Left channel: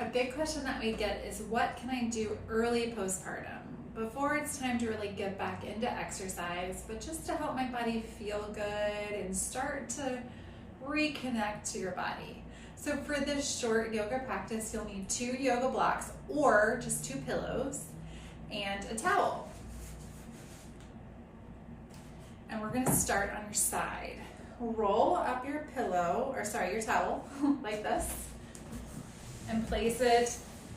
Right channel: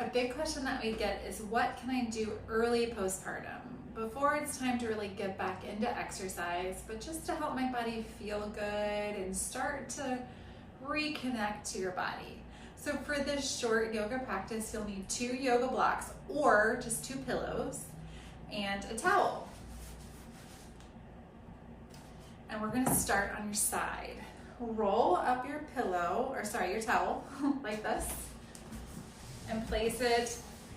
A big question that we get is, what can I do early postpartum before it's time to really get back into exercise, but just to help my body feel good and start to reconnect to your body? So for this short yoga practice, you'll need 2 yoga blocks or just 2 pillows and a towel. And we're going to start on your side. Roll up your pillow, or sorry, your towel like this, and place it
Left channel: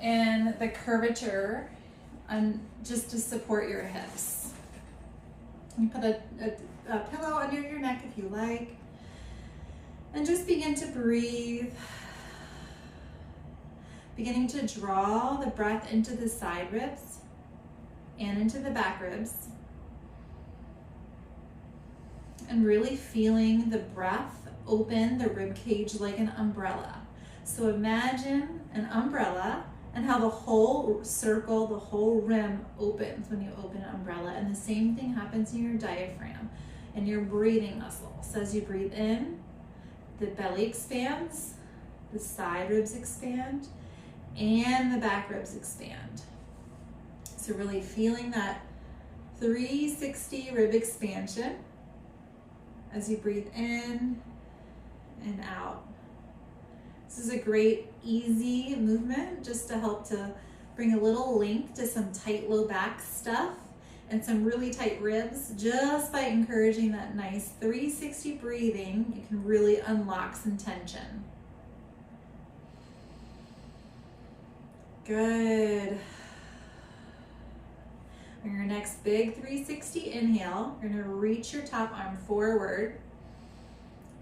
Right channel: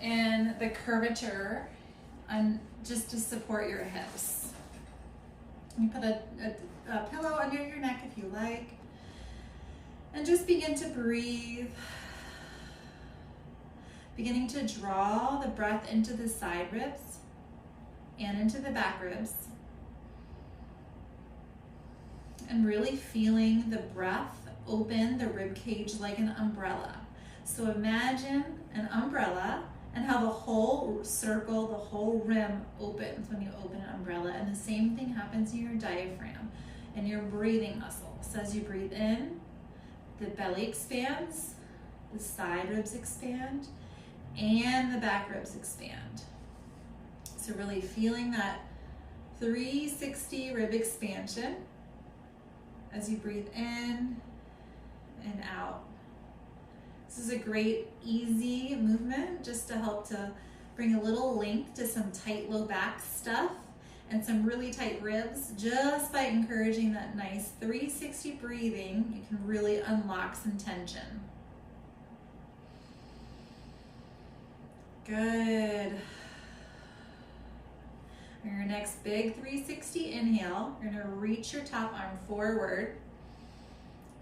in the curvature just to support your hips. You put a pillow under your neck if you like, and just begin to breathe. Beginning to draw the breath into the side ribs and into the back ribs. And really feeling the breath open the rib cage like an umbrella. So imagine an umbrella and how the whole circle, the whole rim opens when you open an umbrella. And the same thing happens in your diaphragm and your breathing muscles. So as you breathe in, the belly expands, the side ribs expand, and the back ribs expand. So really feeling that 360 rib expansion as you breathe in and out. This is a great, easy movement just to help to bring a little link to some tight low back stuff and some really tight ribs. Just by encouraging that nice 360 breathing, you can really unlock some tension. Good. On your next big 360 inhale, you're gonna reach your top arm forward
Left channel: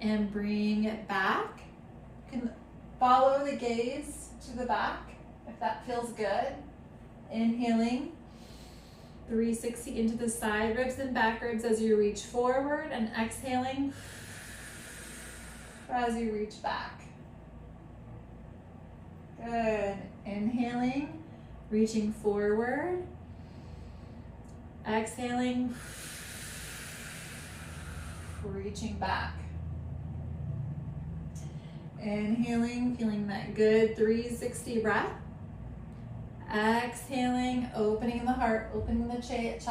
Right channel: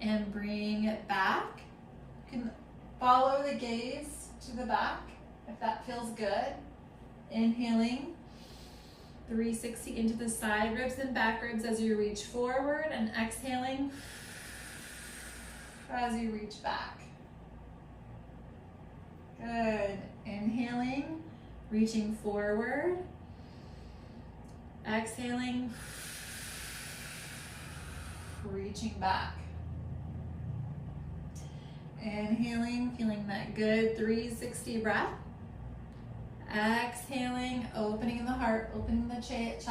and bring it back. You can follow the gaze to the back if that feels good. Inhaling, 360 into the side ribs and back ribs as you reach forward, and exhaling as you reach back. Good. Inhaling, reaching forward. Exhaling, reaching back. Inhaling, feeling that good 360 breath. Exhaling, opening the heart, opening the chest,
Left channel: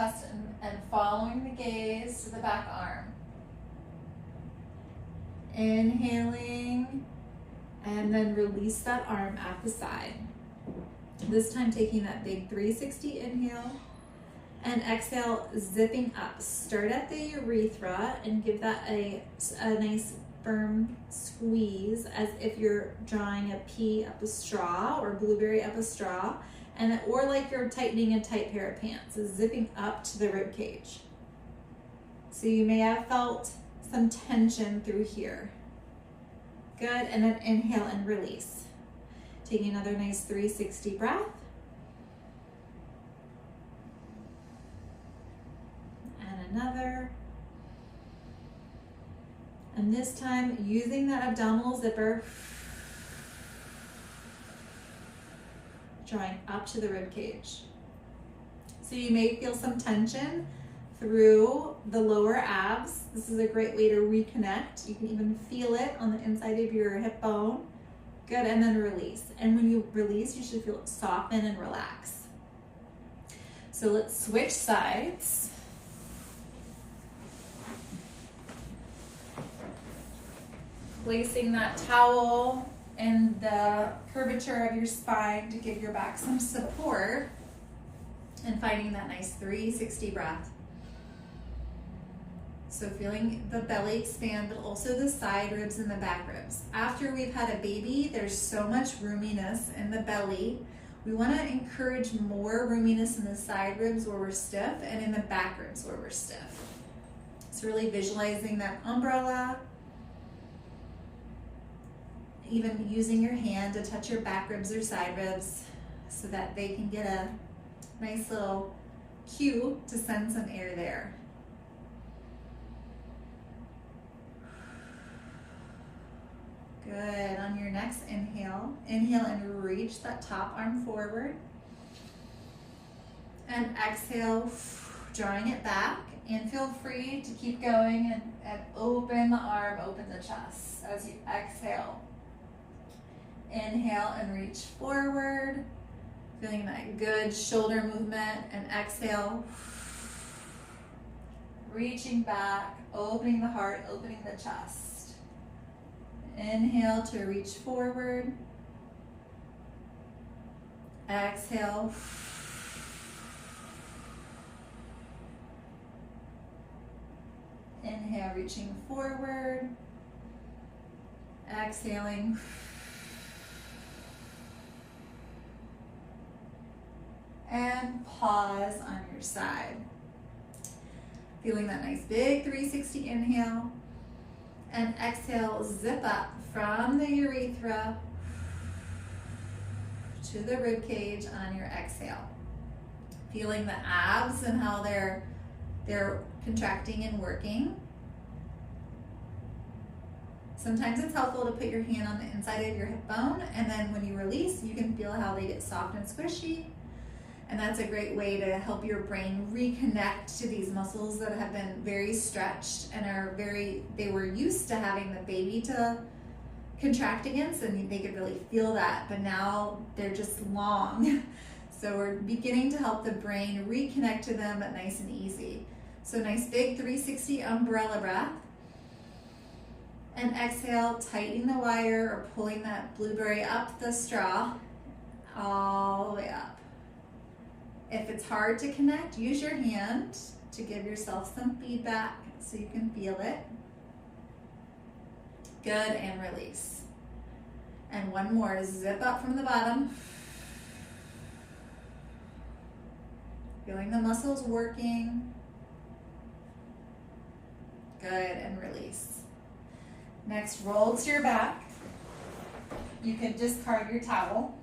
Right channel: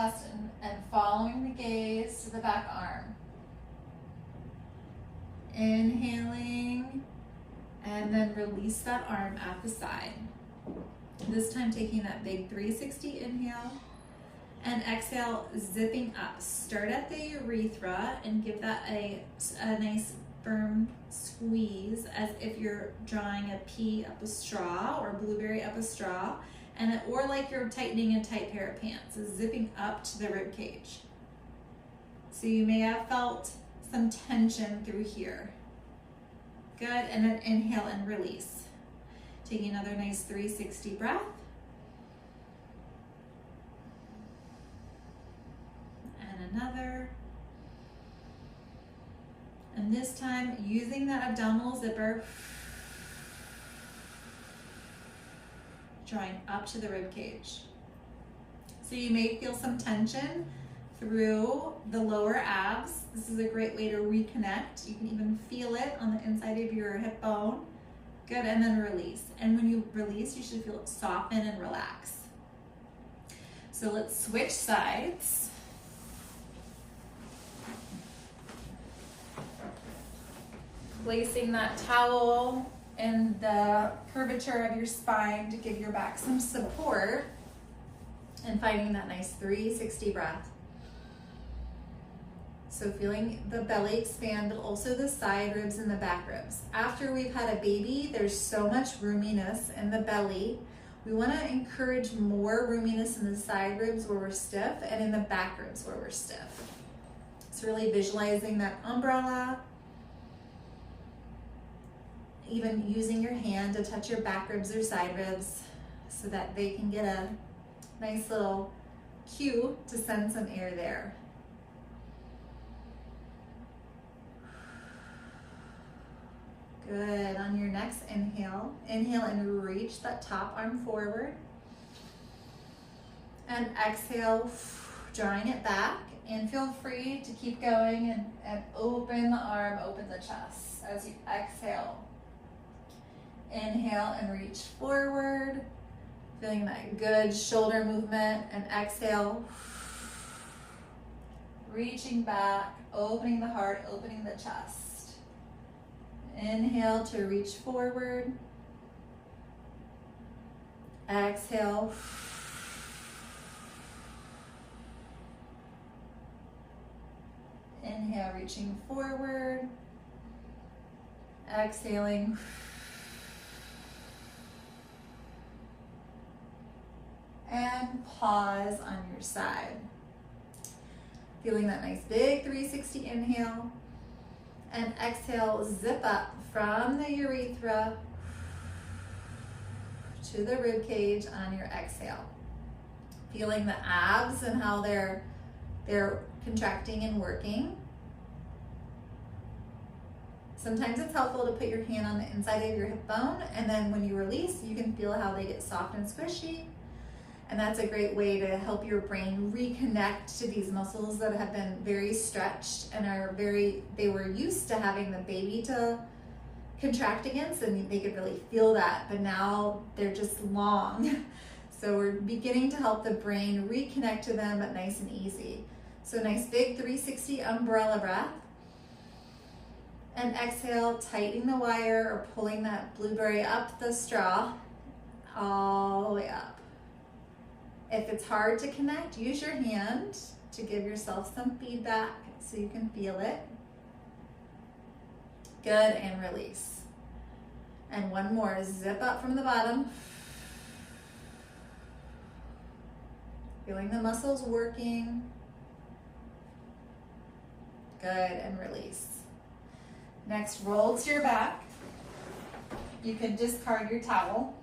and following the gaze to the back arm. Inhaling, and then release that arm at the side. This time taking that big 360 inhale, and exhale, zipping up. Start at the urethra and give that a nice firm squeeze as if you're drawing a pea up a straw or blueberry up a straw, or like you're tightening a tight pair of pants. So zipping up to the rib cage. So you may have felt some tension through here. Good, and then inhale and release. Taking another nice 360 breath. Another. And this time using that abdominal zipper, drawing up to the rib cage. So you may feel some tension through the lower abs. This is a great way to reconnect. You can even feel it on the inside of your hip bone. Good, and then release. And when you release, you should feel it soften and relax. So let's switch sides. Placing that towel in the curvature of your spine to give your back some support, and finding that nice 360 breath. So feeling the belly expand, but also the side ribs and the back ribs. After we've had a baby, there's so much roominess in the belly. We want to encourage more roominess in the side ribs where we're stiff and in the back ribs where we're stiff. So really visualizing that umbrella, even using your hand to touch your back ribs or side ribs so that they can get a nice little cue to send some air there. Good. On your next inhale, inhale and reach that top arm forward. And exhale, drawing it back. And feel free to keep going and open the arm, open the chest as you exhale. Inhale and reach forward, feeling that good shoulder movement, and exhale, reaching back, opening the heart, opening the chest. Inhale to reach forward. Exhale. Inhale, reaching forward. Exhaling. And pause on your side. Feeling that nice big 360 inhale. And exhale, zip up from the urethra to the rib cage on your exhale. Feeling the abs and how they're contracting and working. Sometimes it's helpful to put your hand on the inside of your hip bone, and then when you release, you can feel how they get soft and squishy. And that's a great way to help your brain reconnect to these muscles that have been very stretched and they were used to having the baby to contract against, and they could really feel that, but now they're just long. So we're beginning to help the brain reconnect to them, but nice and easy. So nice big 360 umbrella breath. And exhale, tightening the wire or pulling that blueberry up the straw, all the way up. If it's hard to connect, use your hand to give yourself some feedback so you can feel it. Good, and release. And one more, zip up from the bottom. Feeling the muscles working. Good, and release. Next, roll to your back. You can discard your towel.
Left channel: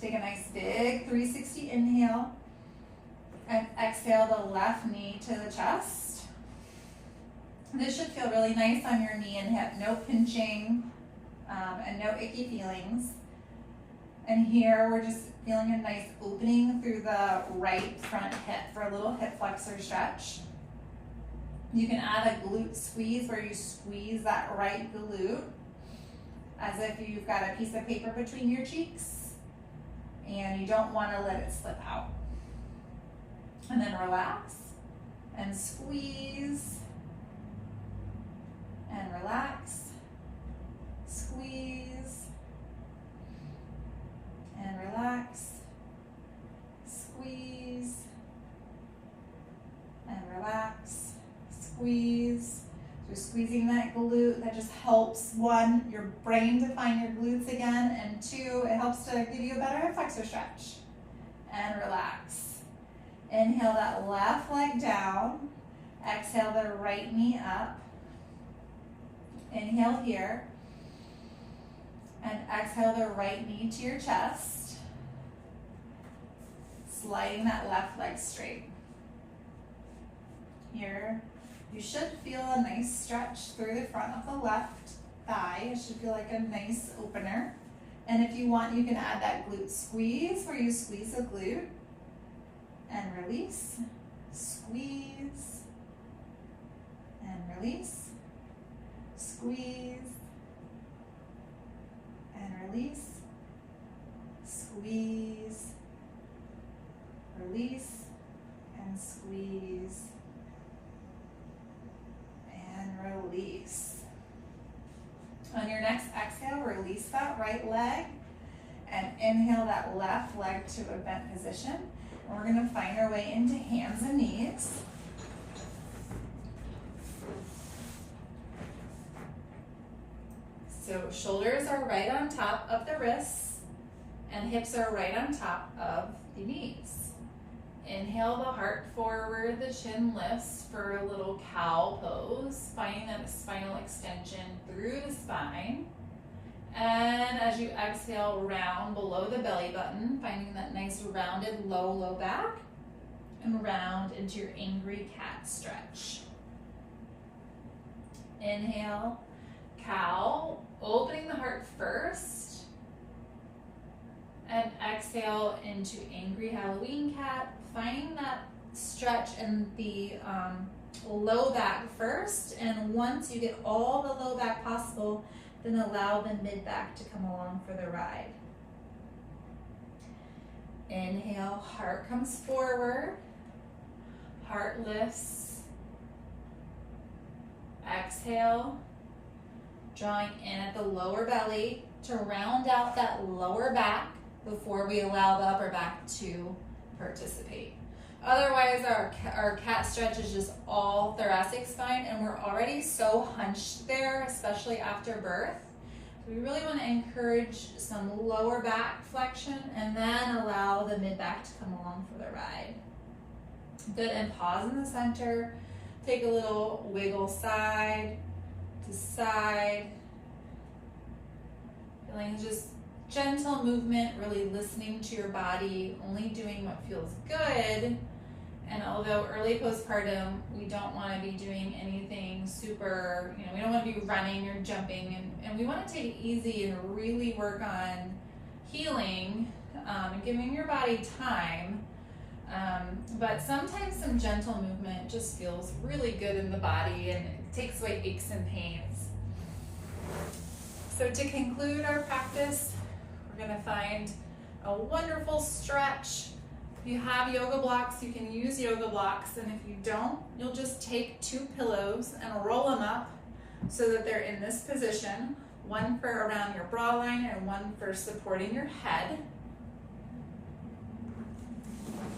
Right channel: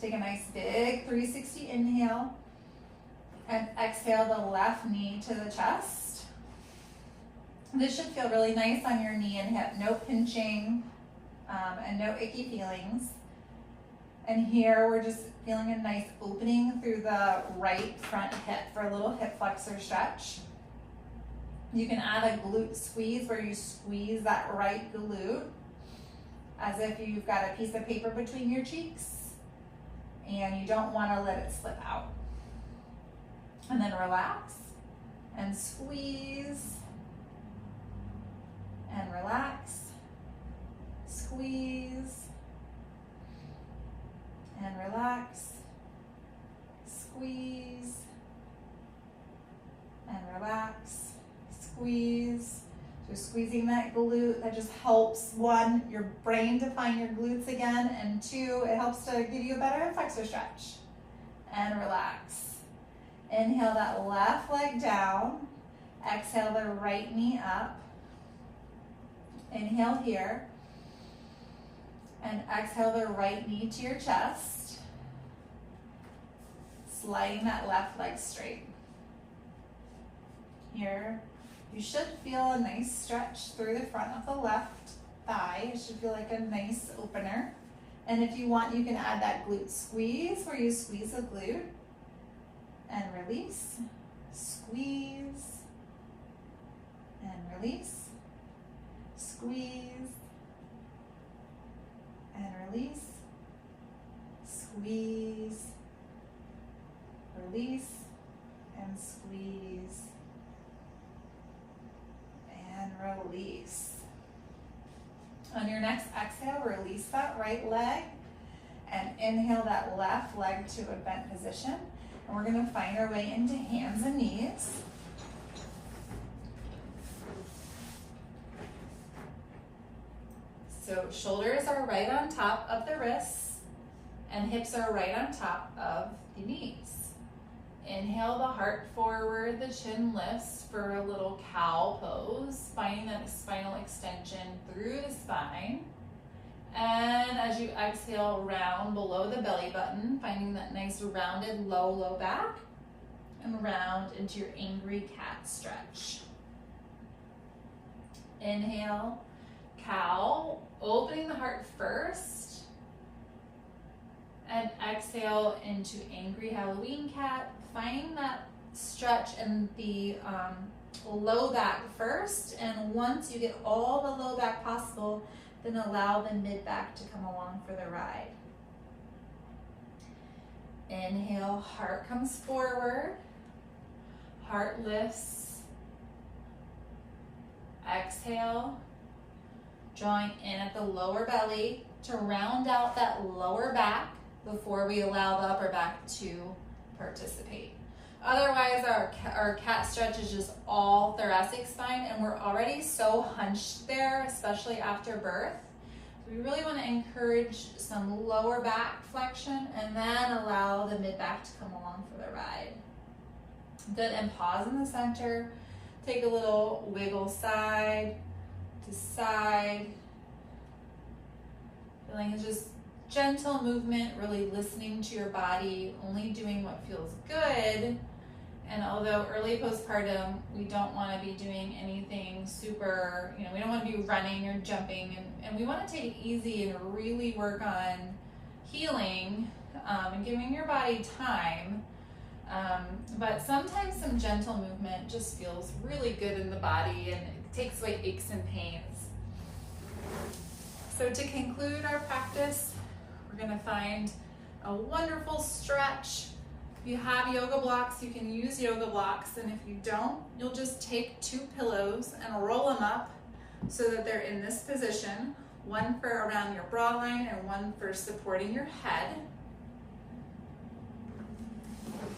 Take a nice big 360 inhale and exhale the left knee to the chest. This should feel really nice on your knee and hip. No pinching and no icky feelings. And here we're just feeling a nice opening through the right front hip for a little hip flexor stretch. You can add a glute squeeze where you squeeze that right glute as if you've got a piece of paper between your cheeks and you don't want to let it slip out. And then relax and squeeze and relax, squeeze and relax, squeeze and relax. Squeeze. So squeezing that glute, that just helps, one, your brain to find your glutes again, and two, it helps to give you a better flexor stretch. And relax. Inhale that left leg down. Exhale the right knee up. Inhale here. And exhale the right knee to your chest. Sliding that left leg straight. Here. You should feel a nice stretch through the front of the left thigh. It should feel like a nice opener. And if you want, you can add that glute squeeze where you squeeze the glute and release, squeeze and release, squeeze and release, squeeze, release and squeeze. And release. On your next exhale, release that right leg and inhale that left leg to a bent position. And we're going to find our way into hands and knees. So shoulders are right on top of the wrists and hips are right on top of the knees. Inhale the heart forward, the chin lifts for a little cow pose, finding that spinal extension through the spine. And as you exhale, round below the belly button, finding that nice rounded low back, and round into your angry cat stretch. Inhale, cow, opening the heart first, and exhale into angry Halloween cat. Find that stretch in the low back first, and once you get all the low back possible, then allow the mid-back to come along for the ride. Inhale, heart comes forward, heart lifts. Exhale, drawing in at the lower belly to round out that lower back before we allow the upper back to participate. Otherwise, our cat stretch is just all thoracic spine, and we're already so hunched there, especially after birth. So we really want to encourage some lower back flexion and then allow the mid-back to come along for the ride. Good, and pause in the center. Take a little wiggle side to side. Feeling just gentle movement, really listening to your body, only doing what feels good. And although early postpartum, we don't want to be doing anything super, we don't want to be running or jumping, and we want to take it easy and really work on healing and giving your body time. But sometimes some gentle movement just feels really good in the body, and it takes away aches and pains. So to conclude our practice, we're going to find a wonderful stretch. If you have yoga blocks, you can use yoga blocks, and if you don't, you'll just take 2 pillows and roll them up so that they're in this position, one for around your bra line and one for supporting your head.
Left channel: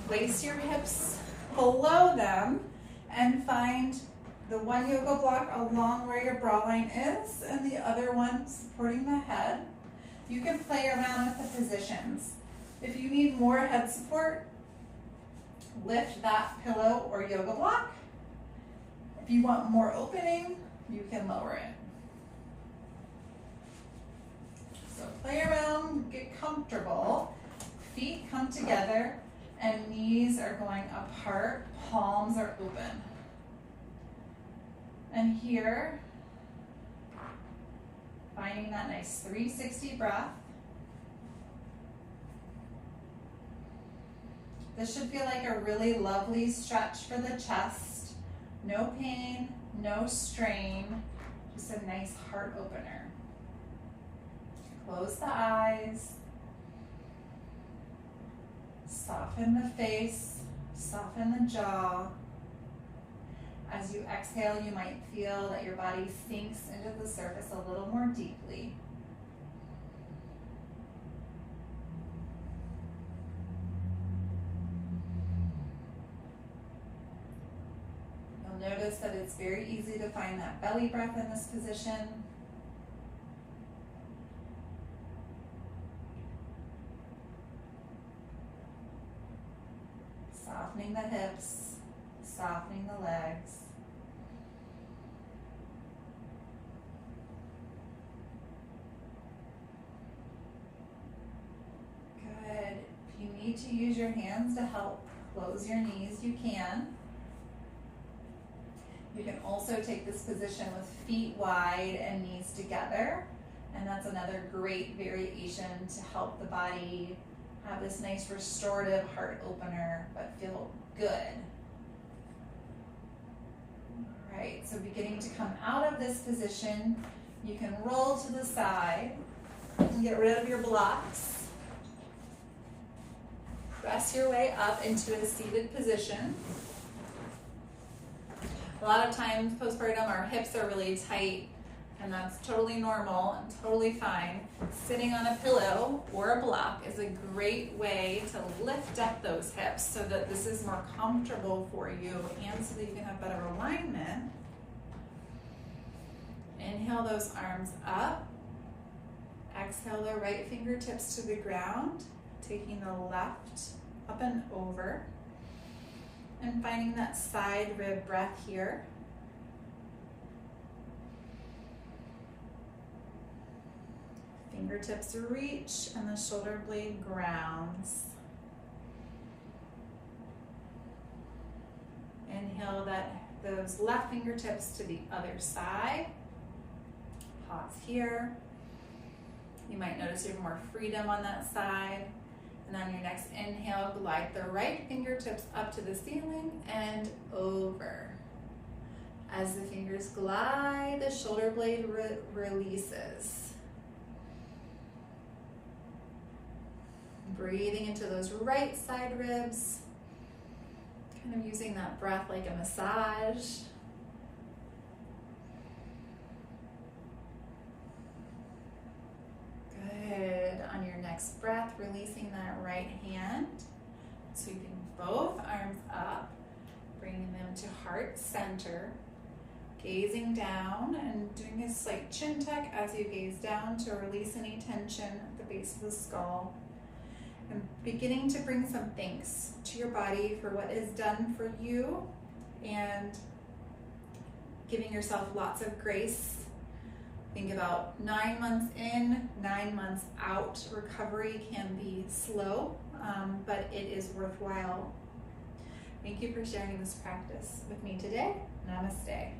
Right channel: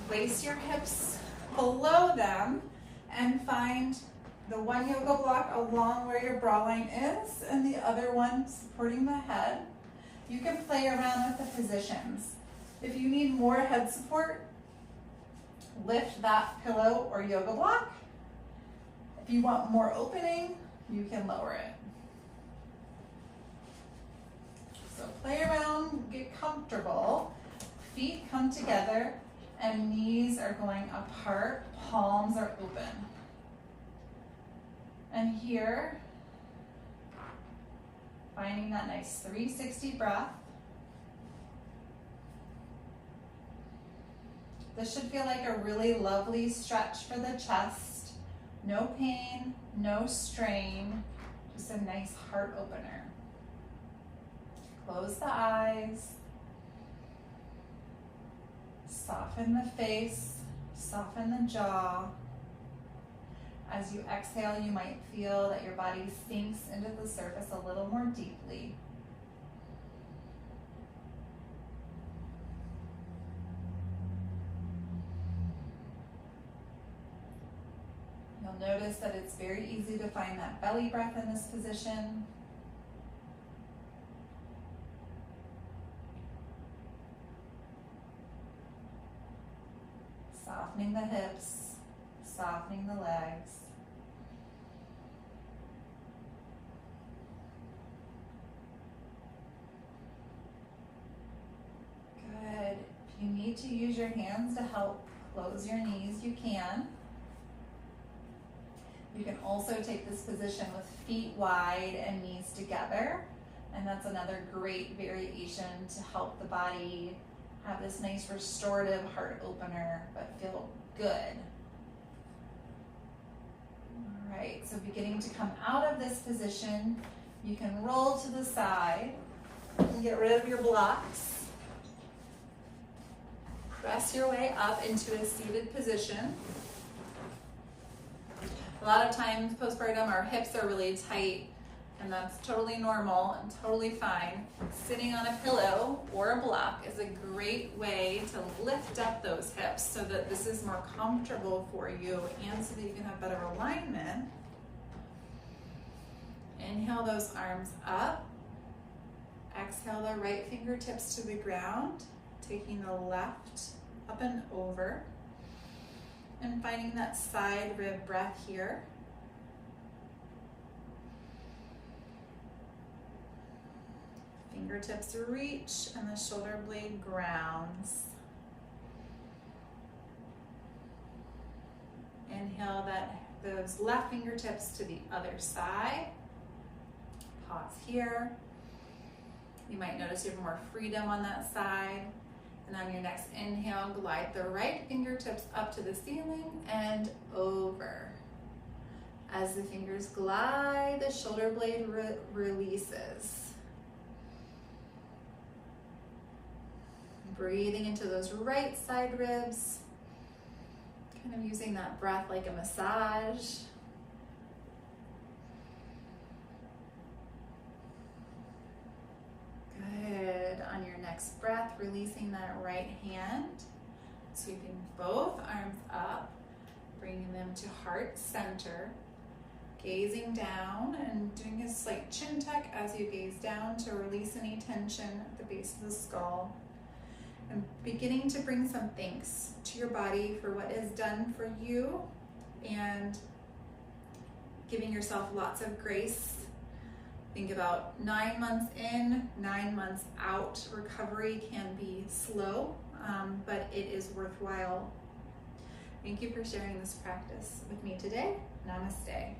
Place your hips below them and find the one yoga block along where your bra line is and the other one supporting the head. You can play around with the positions. If you need more head support, lift that pillow or yoga block. If you want more opening, you can lower it. So play around, get comfortable. Feet come together and knees are going apart, palms are open. And here, finding that nice 360 breath. This should feel like a really lovely stretch for the chest. No pain, no strain, just a nice heart opener. Close the eyes. Soften the face, soften the jaw. As you exhale, you might feel that your body sinks into the surface a little more deeply. You'll notice that it's very easy to find that belly breath in this position. Softening the hips, softening the legs. Good. If you need to use your hands to help close your knees, you can. You can also take this position with feet wide and knees together, and that's another great variation to help the body have this nice restorative heart opener, but feel good. All right, so beginning to come out of this position, you can roll to the side and get rid of your blocks. Press your way up into a seated position. A lot of times postpartum, our hips are really tight, and that's totally normal and totally fine. Sitting on a pillow or a block is a great way to lift up those hips so that this is more comfortable for you and so that you can have better alignment. Inhale those arms up. Exhale the right fingertips to the ground, taking the left up and over, and finding that side rib breath here. Fingertips reach and the shoulder blade grounds. Inhale those left fingertips to the other side. Pause here. You might notice you have more freedom on that side. And on your next inhale, glide the right fingertips up to the ceiling and over. As the fingers glide, the shoulder blade releases. Breathing into those right side ribs, kind of using that breath like a massage. Good. On your next breath, releasing that right hand, sweeping both arms up, bringing them to heart center, gazing down and doing a slight chin tuck as you gaze down to release any tension at the base of the skull. And beginning to bring some thanks to your body for what is done for you, and giving yourself lots of grace. Think about 9 months in, 9 months out. Recovery can be slow, but it is worthwhile. Thank you for sharing this practice with me today. Namaste.